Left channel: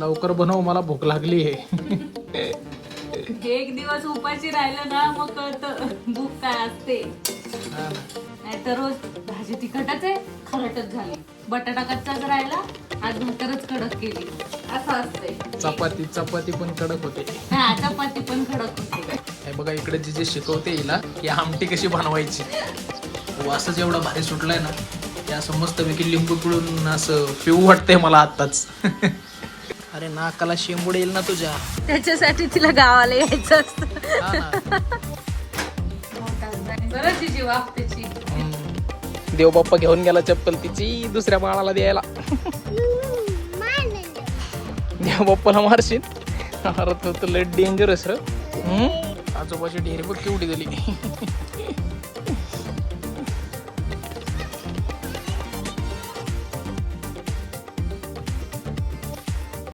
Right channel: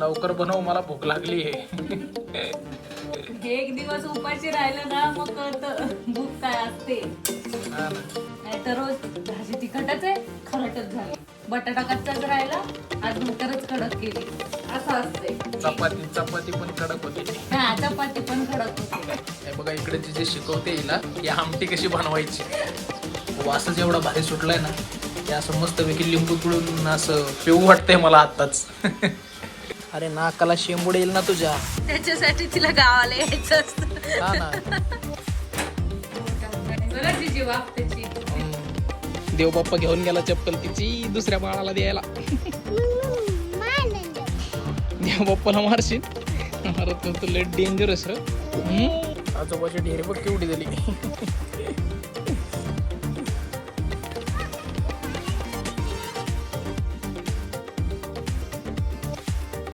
लवकर बनव मला भूक लागली आहे. एक दिवस उपाशी राहिलं ना मग कळतं भूक काय असते. हा ना. नाहीतर रोज भाजी तिखटच आहे खरटच झाली. बटाटा कच्चाच राहिला आज भाकरच कडक केली. असं असतंय चपाती चपाती पण कडक होते. हा चपाती पण कडक होते. हे बघा इकडे जे जे शिकवते हिला की आमटी कशी बनवायची. वासच एवढा भारी सुटलाय ना की असं मस्तपैकी लिंबू पिळून असं पिऊ वाटतंय मला आत्ताच. अरे नाकाला शेंबूड येईल ना तुझ्या. त्याच्यासाठी तिला गावाला यायचं असतं. हा ना. त्याची हम्म. देवबाप्पा घेऊन गेला चप्पल तिची दुसऱ्या बाळाला द्यायला. देवबाप्पाला मारशील? अरे तू तर लय डेंजरस र. आजोबाची ढेर बघ केवढी झाली.